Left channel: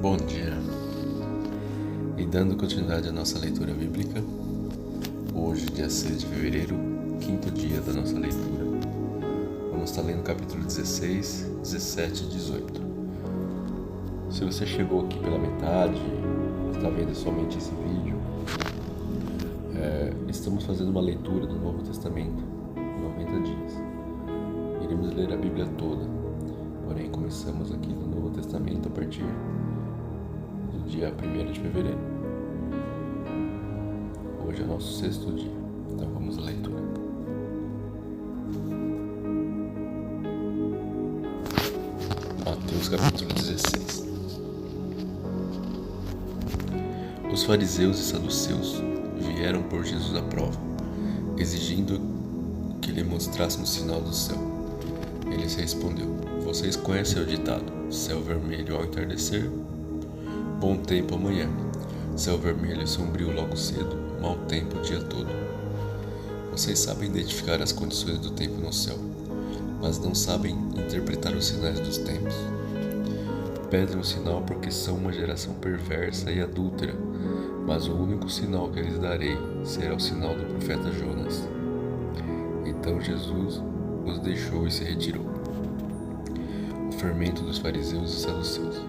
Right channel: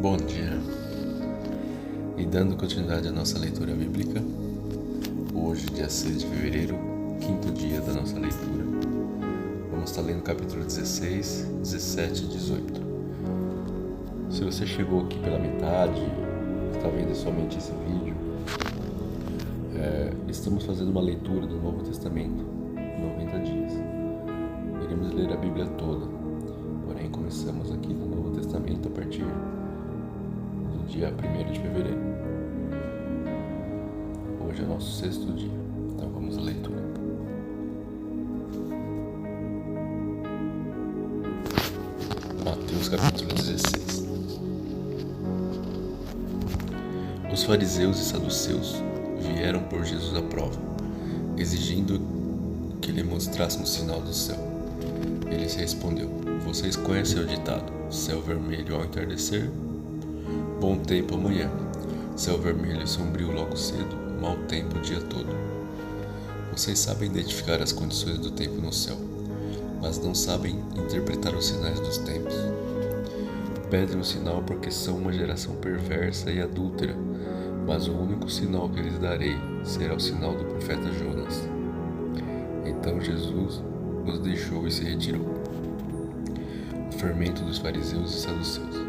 Bom dia! E dando continuidade à nossa leitura bíblica, hoje, dia 6 de fevereiro, quinto dia da nossa leitura, vamos estar lendo capítulo 16, 17 e 18. Se você chegou aqui pela metade, está vendo somente esse vídeo, estamos fazendo uma leitura do Novo Testamento em 90 dias. Iremos ler a Bíblia toda, porém começamos aqui no Novo Testamento a partir do dia 1º de fevereiro. Hoje é o nosso sexto dia, então vamos à leitura. Mateus capítulo 16. Os fariseus e saduceus vieram por Jesus à prova, exigindo que lhe mostrasse um sinal do céu. Ele lhes respondeu: Vocês conhecem o ditado, céu vermelho ao entardecer, bom tempo amanhã. Céu vermelho e sombrio logo cedo, mau tempo o dia todo. Vocês sabem identificar as condições do tempo no céu, mas não sabem interpretar os sinais dos tempos. Pedem um sinal porque são uma geração perversa e adúltera, mas o único sinal que lhes darei será o sinal do profeta Jonas. Então Jesus os deixou e se retirou. O fermento dos fariseus e saduceus.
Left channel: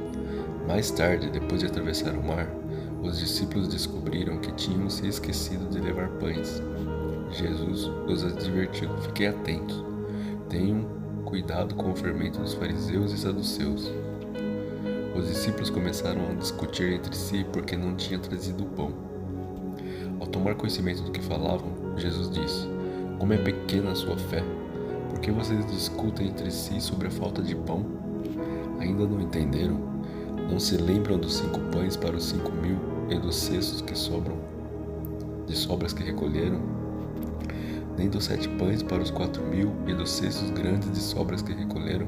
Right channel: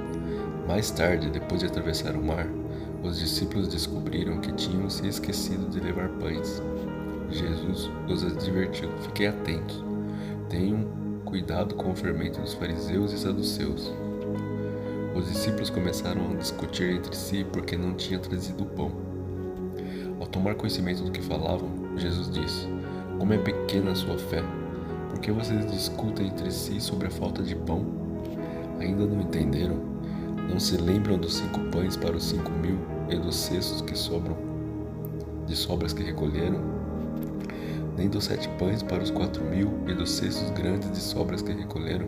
Mais tarde, depois de atravessar o mar, os discípulos descobriram que tinham se esquecido de levar pães. Jesus os advertiu: Fiquem atentos, tenham cuidado com o fermento dos fariseus e saduceus. Os discípulos começaram a discutir entre si porque não tinham trazido o pão. Ao tomar conhecimento do que falavam, Jesus disse: Como é pequena a sua fé! Por que vocês discutem entre si sobre a falta de pão? Ainda não entenderam? Não se lembram dos 5 pães para os 5.000 e dos cestos que sobram, de sobras que recolheram? Nem dos 7 pães para os 4.000 e dos cestos grandes de sobras que recolheram?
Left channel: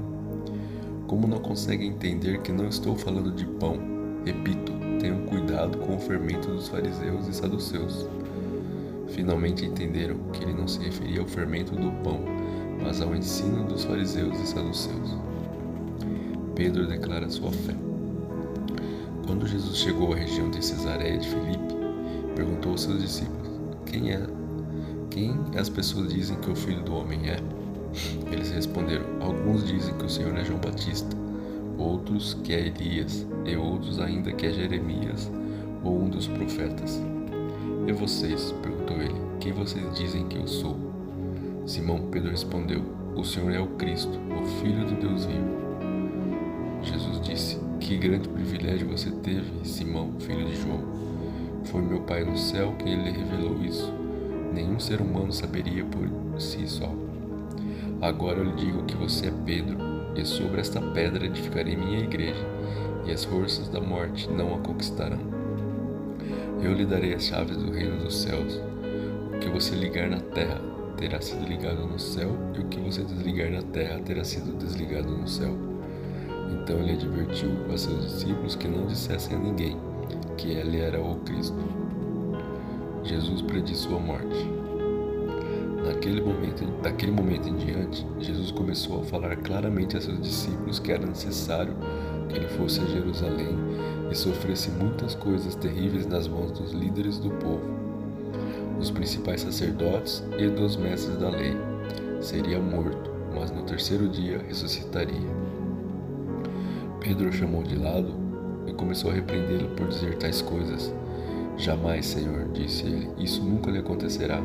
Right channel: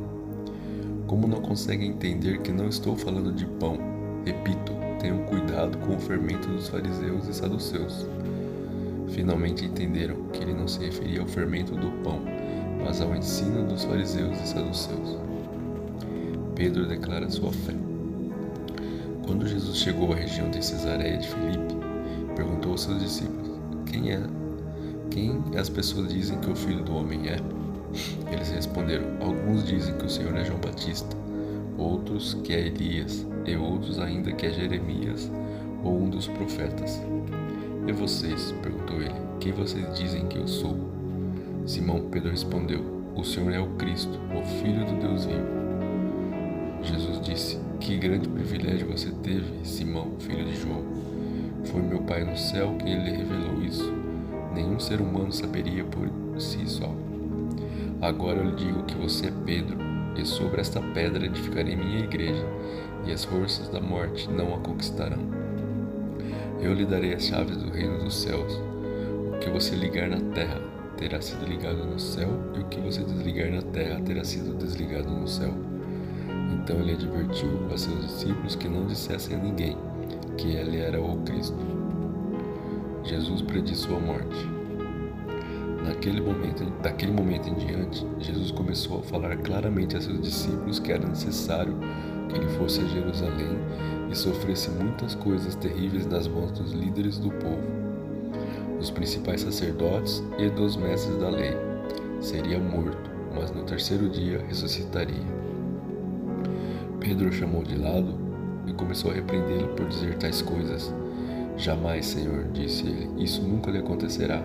Como não conseguem entender que não estou falando de pão? Repito, tenham cuidado com o fermento dos fariseus e saduceus. Finalmente entenderam que ele não se referia ao fermento do pão, mas ao ensino dos fariseus e saduceus. Pedro declara sua fé. Quando Jesus chegou à região de Cesareia de Filipe, perguntou aos seus discípulos: Quem as pessoas dizem que o Filho do Homem é? Eles responderam: Alguns dizem que o Senhor é João Batista, outros que é Elias, e outros ainda que é Jeremias ou um dos profetas. E vocês? Perguntou ele: Quem vocês dizem que eu sou? Simão Pedro respondeu: O Senhor é o Cristo, o Filho do Deus vivo. Jesus disse: Que grande privilégio você teve, Simão, filho de João. Foi meu Pai no céu quem lhe revelou isso. Nenhum ser humano saberia por si só. Agora eu lhe digo que você é Pedro, e sobre esta pedra edificarei minha igreja, e as forças da morte não a conquistarão. Eu lhe darei as chaves do reino dos céus. O que você ligar na terra terá sido ligado no céu, e o que você desligar na terra terá sido desligado no céu. Então ele advertiu a seus discípulos que não dissessem a ninguém que ele era o Cristo. Jesus predisse sua morte. Daquele momento em diante, Jesus começou a falar claramente a seus discípulos que era necessário que ele fosse a Jerusalém e sofresse muitas coisas terríveis nas mãos dos líderes do povo, dos principais sacerdotes e dos mestres da lei. Seria morto, mas no terceiro dia ressuscitaria. Pedro o chamou de lado e começou a repreendê-lo por dizer tais coisas. Jamais, Senhor, disse ele, isso nunca lhe acontecerá.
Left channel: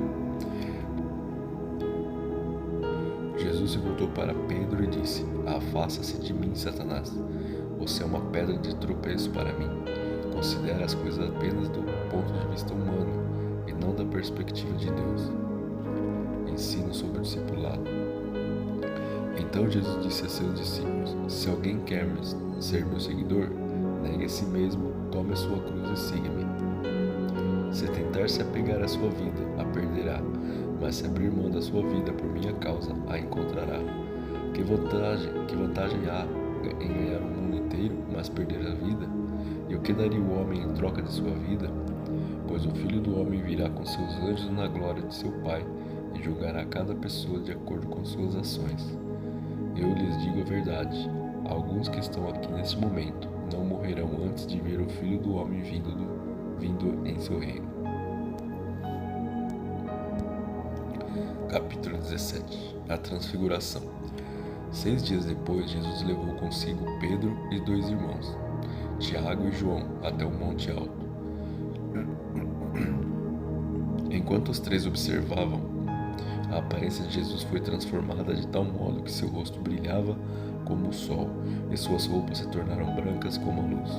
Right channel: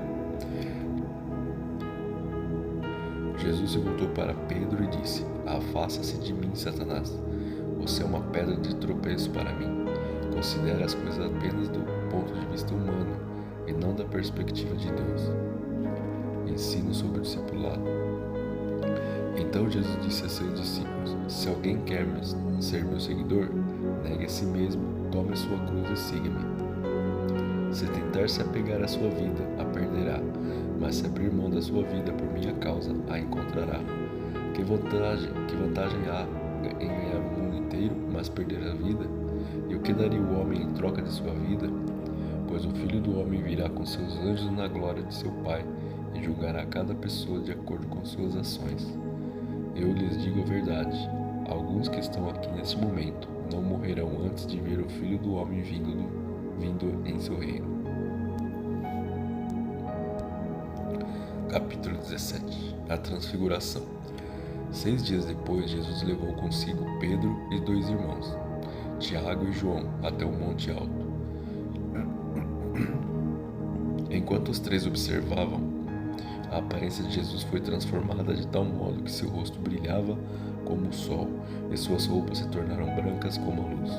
Jesus se voltou para Pedro e disse: Afasta-se de mim, Satanás. Você é uma pedra de tropeço para mim. Considera as coisas apenas do ponto de vista humano e não da perspectiva de Deus. Ensino sobre o discipulado. Então Jesus disse a seus discípulos: Se alguém quer ser meu seguidor, negue a si mesmo, tome a sua cruz e siga-me. Se tentar se apegar à sua vida, a perderá, mas se abrir mão da sua vida por minha causa, a encontrará. Que vantagem há em ganhar o mundo inteiro, mas perder a vida? E o que daria o homem em troca de sua vida? Pois o Filho do Homem virá com seus anjos na glória de seu Pai e julgará cada pessoa de acordo com suas ações. Eu lhes digo a verdade, alguns que estão aqui neste momento não morrerão antes de ver o Filho do Homem vindo em seu reino. Capítulo 17. A Transfiguração. 6 dias depois, Jesus levou consigo Pedro e 2 irmãos, Tiago e João, até o monte alto. Enquanto os 3 observavam, a aparência de Jesus foi transformada de tal modo que seu rosto brilhava como o sol e suas roupas se tornaram brancas como a luz.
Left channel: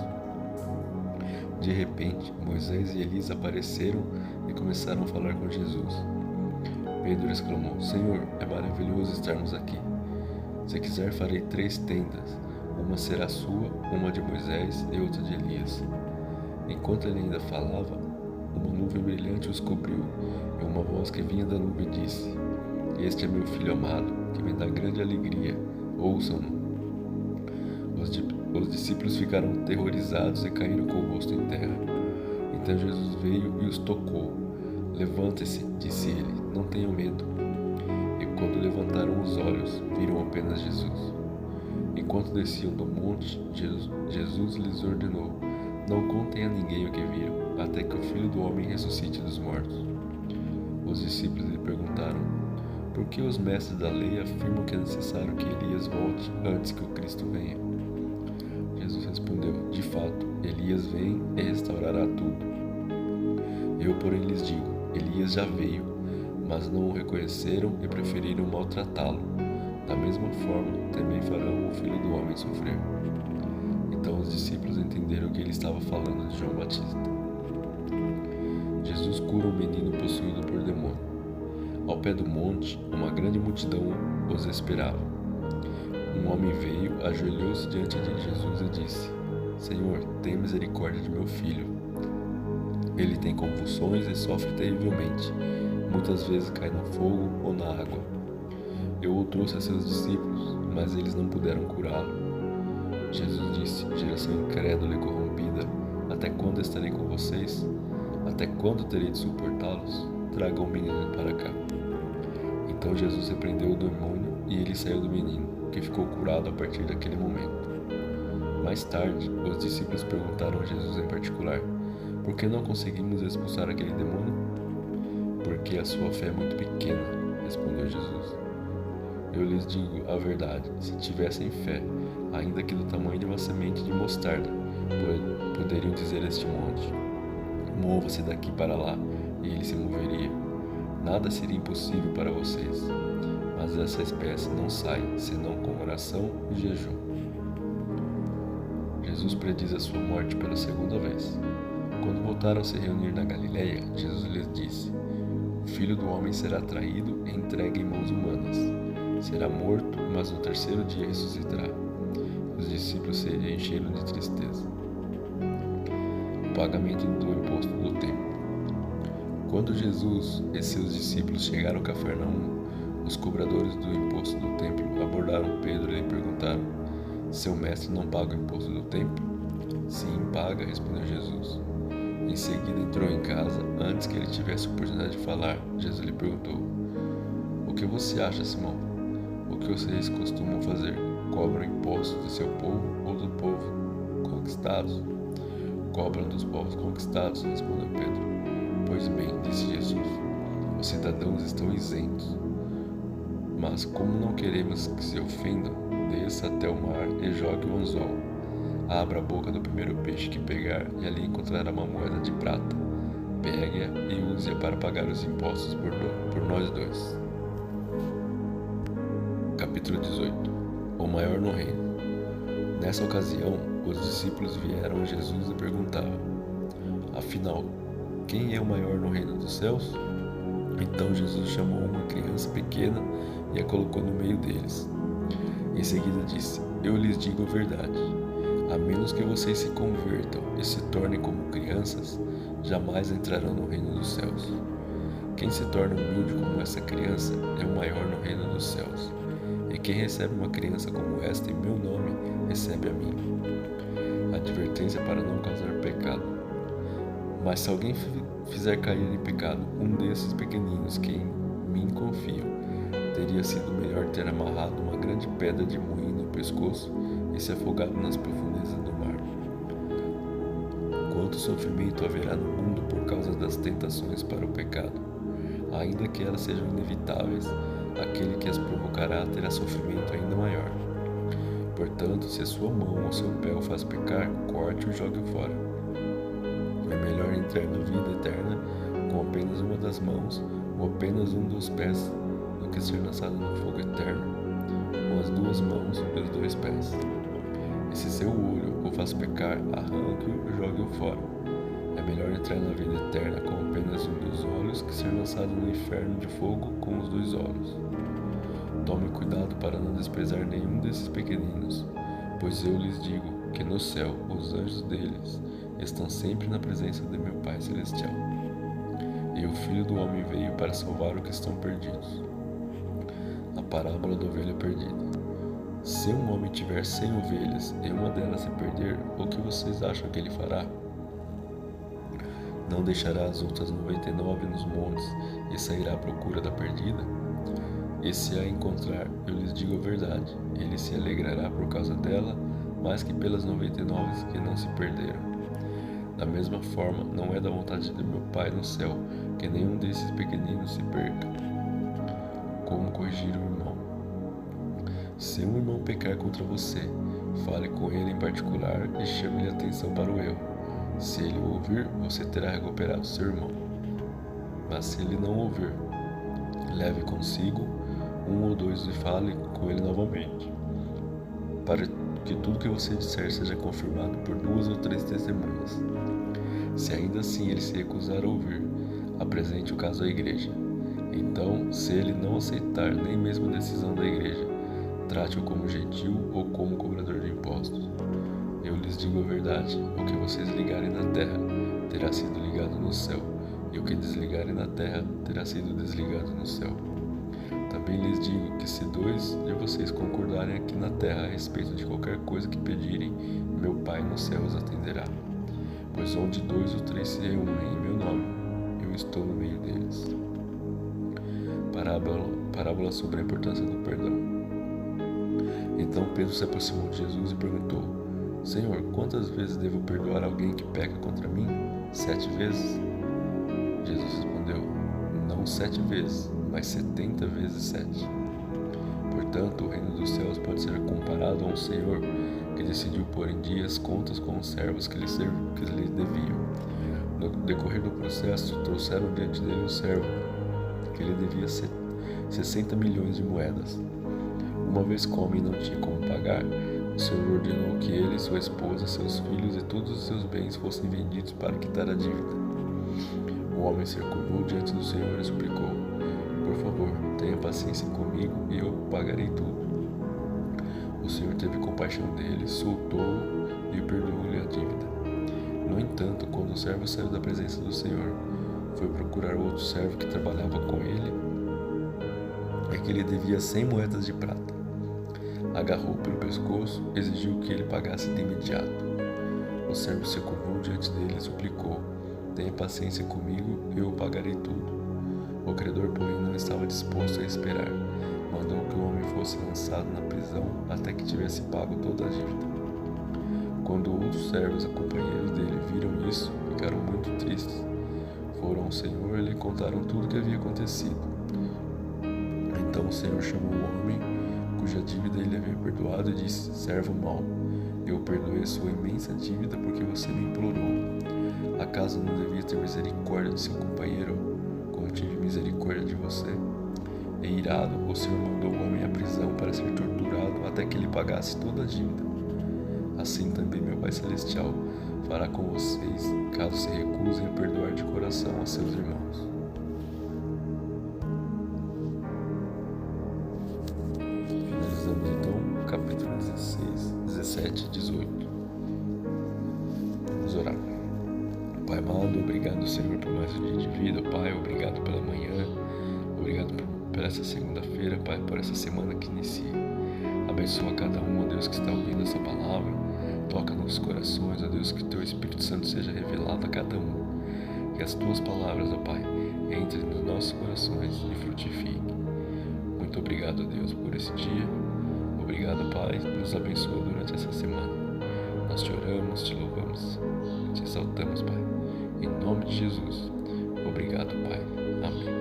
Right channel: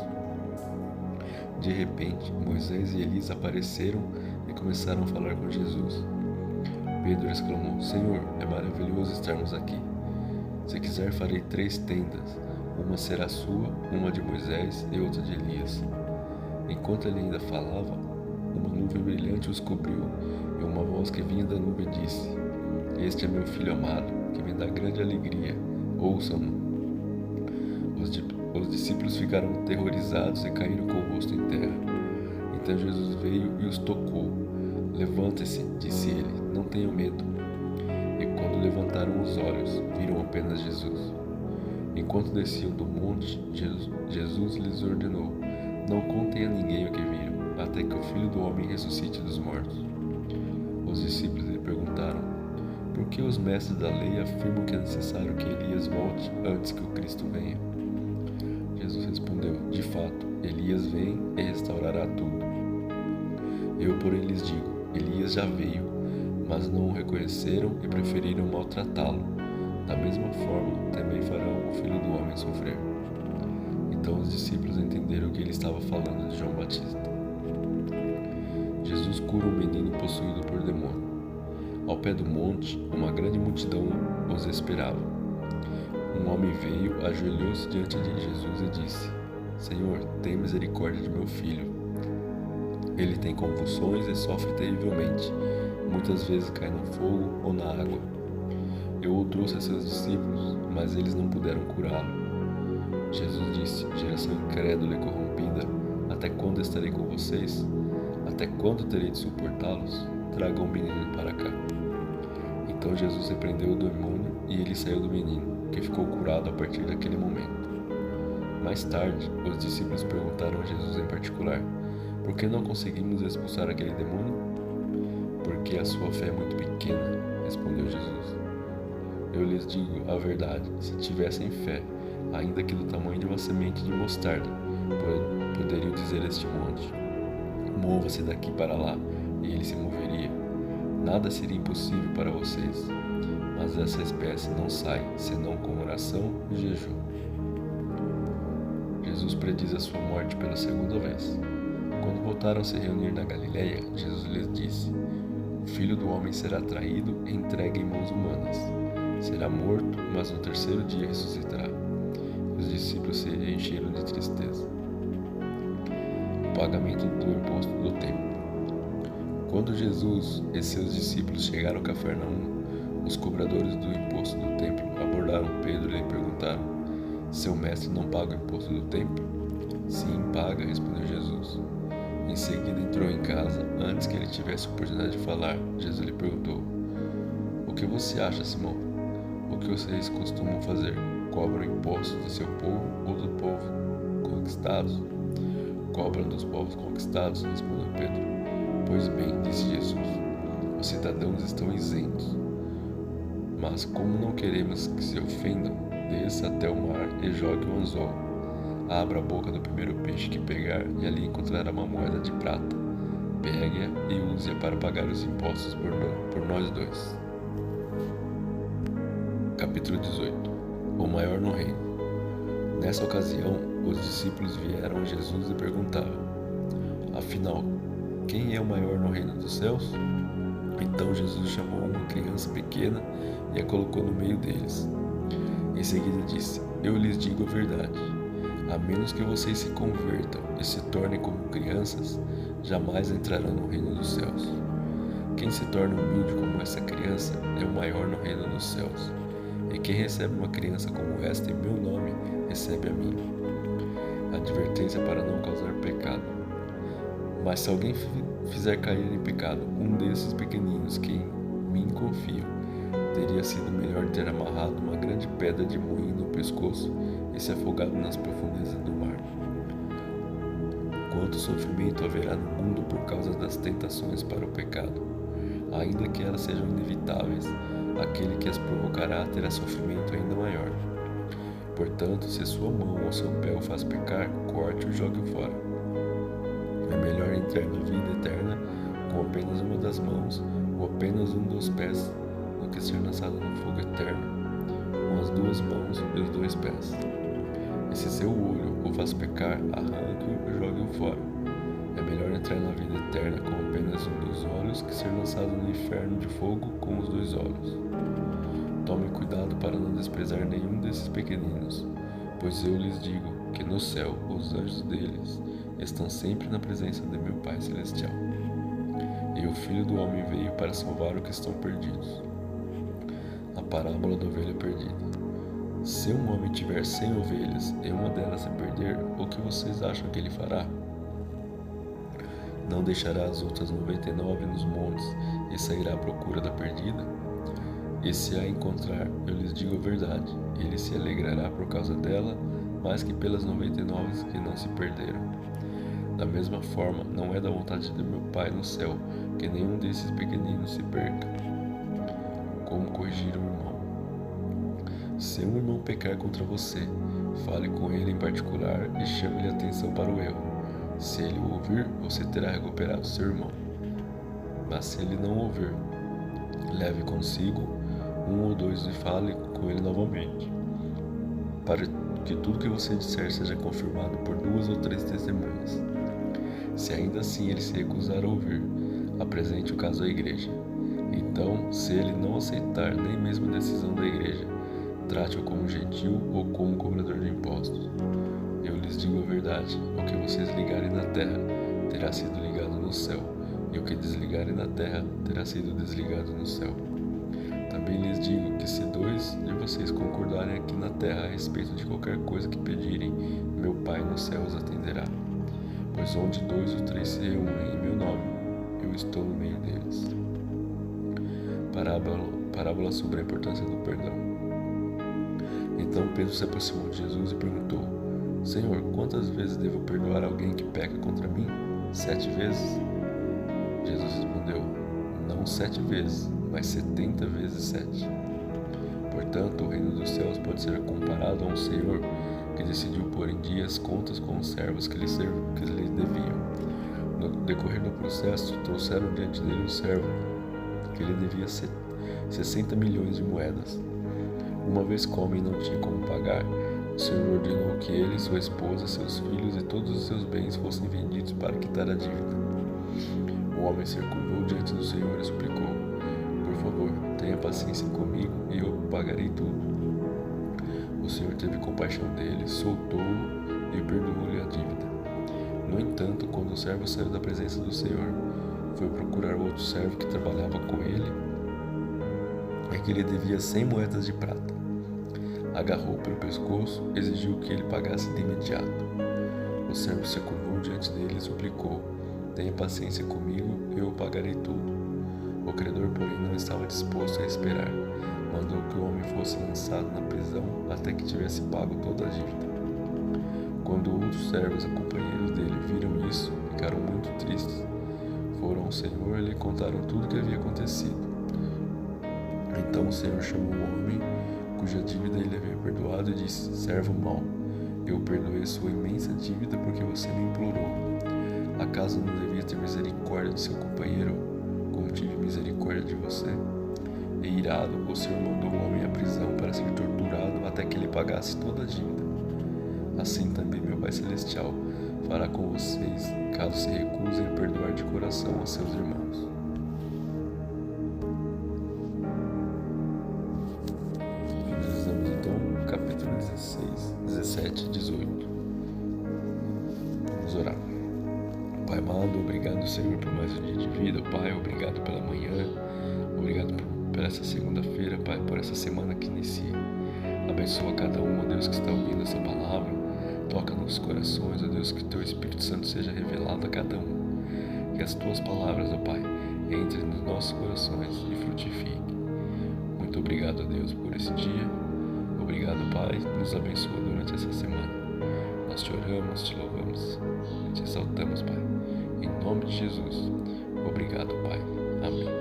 De repente, Moisés e Elias apareceram e começaram a falar com Jesus. Pedro exclamou: Senhor, é maravilhoso estarmos aqui. Se quiser, farei 3 tendas. Uma será sua, uma de Moisés e outra de Elias. Enquanto ele ainda falava, uma nuvem brilhante os cobriu, e uma voz que vinha da nuvem disse: Este é meu filho amado, que me dá grande alegria. Ouçam-no. Os discípulos ficaram aterrorizados e caíram com o rosto em terra. Então Jesus veio e os tocou. Levantem-se, disse ele, não tenham medo. E quando levantaram os olhos, viram apenas Jesus. Enquanto desciam do monte, Jesus lhes ordenou: Não contem a ninguém o que viram, até que o Filho do Homem ressuscite dos mortos. Os discípulos lhe perguntaram: Por que os mestres da lei afirmam que é necessário que Elias volte antes que o Cristo venha? Jesus respondeu: De fato, Elias vem e restaurará tudo. Eu, porém, lhes digo: Elias já veio, mas não o reconheceram e preferiram maltratá-lo. Da mesma forma, também farão o Filho do Homem sofrer. Então os discípulos entenderam que ele estava falando de João Batista. Jesus cura um menino possuído por demônio. Ao pé do monte, uma grande multidão os esperava. Um homem veio, ajoelhou-se diante de Jesus e disse: Senhor, tem misericórdia de meu filho. Ele tem convulsões e sofre terrivelmente. Muitas vezes cai no fogo ou na água. Eu o trouxe a seus discípulos, mas eles não puderam curá-lo. Jesus disse: Geração incrédula e corrompida, até quando estarei com vocês? Até quando terei de suportá-los? Tragam o menino para cá. Então Jesus repreendeu o demônio e ele saiu do menino, que ficou curado a partir daquele momento. Mais tarde, os discípulos perguntaram a Jesus em particular: Por que não conseguimos expulsar aquele demônio? Porque a sua fé é muito pequena, respondeu Jesus. Eu lhes digo a verdade: se tivessem fé, ainda que do tamanho de uma semente de mostarda, poderiam dizer a este monte: Mova-se daqui para lá, e ele se moveria. Nada seria impossível para vocês, mas essa espécie não sai, senão com oração e jejum. Jesus prediz a sua morte pela segunda vez. Quando voltaram a se reunir na Galileia, Jesus lhes disse: O Filho do Homem será traído e entregue em mãos humanas. Será morto, mas no 3º dia ressuscitará. Os discípulos se encheram de tristeza. O pagamento do imposto do templo. Quando Jesus e seus discípulos chegaram a Cafarnaum, os cobradores do imposto do templo abordaram Pedro e lhe perguntaram: Seu mestre não paga o imposto do templo? Sim, paga, respondeu Jesus. Em seguida entrou em casa. Antes que ele tivesse a oportunidade de falar, Jesus lhe perguntou: O que você acha, Simão? O que vocês costumam fazer? Cobram impostos do seu povo ou do povo conquistados? Cobram dos povos conquistados, respondeu Pedro. Pois bem, disse Jesus, os cidadãos estão isentos. Mas como não queremos que se ofendam, desça até o mar e jogue o anzol. Abra a boca do primeiro peixe que pegar e ali encontrará uma moeda de prata. Pegue-a e use-a para pagar os impostos por nós dois. Capítulo 18. O maior no reino. Nessa ocasião, os discípulos vieram a Jesus e perguntavam: Afinal, quem é o maior no reino dos céus? Então Jesus chamou uma criança pequena e a colocou no meio deles. Em seguida disse: Eu lhes digo a verdade. A menos que vocês se convertam e se tornem como crianças, jamais entrarão no reino dos céus. Quem se torna humilde como essa criança é o maior no reino dos céus. E quem recebe uma criança como esta em meu nome, recebe a mim. Advertência para não causar pecado. Mas se alguém fizer cair em pecado um desses pequeninos que em mim confiam, teria sido melhor ter amarrado uma grande pedra de moinho no pescoço e se afogado nas profundezas do mar. Quanto sofrimento haverá no mundo por causa das tentações para o pecado? Ainda que elas sejam inevitáveis, aquele que as provocará terá sofrimento ainda maior. Portanto, se a sua mão ou seu pé o faz pecar, corte-o e jogue-o fora. É melhor entrar na vida eterna com apenas uma das mãos ou apenas um dos pés do que ser lançado no fogo eterno com as duas mãos e os dois pés. E se seu olho o faz pecar, arranque-o e jogue-o fora. É melhor entrar na vida eterna com apenas um dos olhos que ser lançado no inferno de fogo com os dois olhos. Tome cuidado para não desprezar nenhum desses pequeninos, pois eu lhes digo que no céu os anjos deles estão sempre na presença de meu Pai Celestial. E o Filho do Homem veio para salvar os que estão perdidos. A parábola da ovelha perdida. Se um homem tiver 100 ovelhas e uma delas se perder, o que vocês acham que ele fará? Não deixará as outras 99 nos montes e sairá à procura da perdida? E se a encontrar, eu lhes digo a verdade, ele se alegrará por causa dela, mais que pelas 99 que não se perderam. Da mesma forma, não é da vontade de meu Pai no céu que nenhum desses pequeninos se perca. Como corrigir o irmão? Se um irmão pecar contra você, fale com ele em particular e chame-lhe a atenção para o erro. Se ele o ouvir, você terá recuperado seu irmão. Mas se ele não ouvir, leve consigo um ou dois e fale com ele novamente, para que tudo que você disser seja confirmado por 2 ou 3 testemunhas. Se ainda assim ele se recusar a ouvir, apresente o caso à igreja. Então, se ele não aceitar nem mesmo a decisão da igreja, trate-o como gentil ou como cobrador de impostos. Eu lhes digo a verdade, o que vocês ligarem na terra terá sido ligado no céu, e o que desligarem na terra terá sido desligado no céu. Também lhes digo que se 2 de vocês concordarem aqui na terra a respeito de qualquer coisa que pedirem, meu Pai no céu os atenderá. Pois onde 2 ou 3 se reúnem em meu nome, eu estou no meio deles. Parábola sobre a importância do perdão. Então Pedro se aproximou de Jesus e perguntou: Senhor, quantas vezes devo perdoar alguém que peca contra mim? 7 vezes? Jesus respondeu: Não 7 vezes, mas 70 vezes 7. Portanto, o reino dos céus pode ser comparado a um senhor que decidiu pôr em dia as contas com os servos que lhe deviam. No decorrer do processo, trouxeram diante dele um servo que lhe devia 60 milhões de moedas. Uma vez que o homem não tinha como pagar, o Senhor ordenou que ele, sua esposa, seus filhos e todos os seus bens fossem vendidos para quitar a dívida. O homem se curvou diante do Senhor e suplicou: Por favor, tenha paciência comigo e eu pagarei tudo. O Senhor teve compaixão dele, soltou-o e perdoou-lhe a dívida. No entanto, quando o servo saiu da presença do Senhor, foi procurar outro servo que trabalhava com ele e que lhe devia 100 moedas de prata. Agarrou-o pelo pescoço e exigiu que ele pagasse de imediato. O servo se curvou diante dele e suplicou: Tenha paciência comigo e eu pagarei tudo. O credor, porém, não estava disposto a esperar. Mandou que o homem fosse lançado na prisão até que tivesse pago toda a dívida. Quando outros servos, companheiros dele, viram isso, ficaram muito tristes. Foram ao Senhor e lhe contaram tudo o que havia acontecido. Então o Senhor chamou o homem cuja dívida ele havia perdoado e disse: Servo mau, eu perdoei sua imensa dívida porque você me implorou. Acaso não devia ter misericórdia de seu companheiro, como tive misericórdia de você? E irado, o Senhor mandou o homem à prisão para ser torturado até que ele pagasse toda a dívida. Assim também meu Pai Celestial fará com vocês, caso se recusem a perdoar de coração a seus irmãos. Finalizamos então o capítulo 16, 17 e 18. Vamos orar. Pai amado, obrigado, Senhor, por mais um dia de vida. Pai, obrigado pela manhã. Obrigado por essa segunda-feira, Pai, por essa semana que inicia. Abençoa cada um, ó Deus, que está ouvindo essa palavra. Toca nos corações, ó Deus, que Teu Espírito Santo seja revelado a cada um. Que as Tuas palavras, ó Pai, entrem nos nossos corações e frutifiquem. Muito obrigado, ó Deus, por esse dia. Obrigado, Pai, nos abençoa durante essa semana. Nós te oramos, te louvamos, te exaltamos, Pai. Em nome de Jesus. Obrigado, Pai. Amém.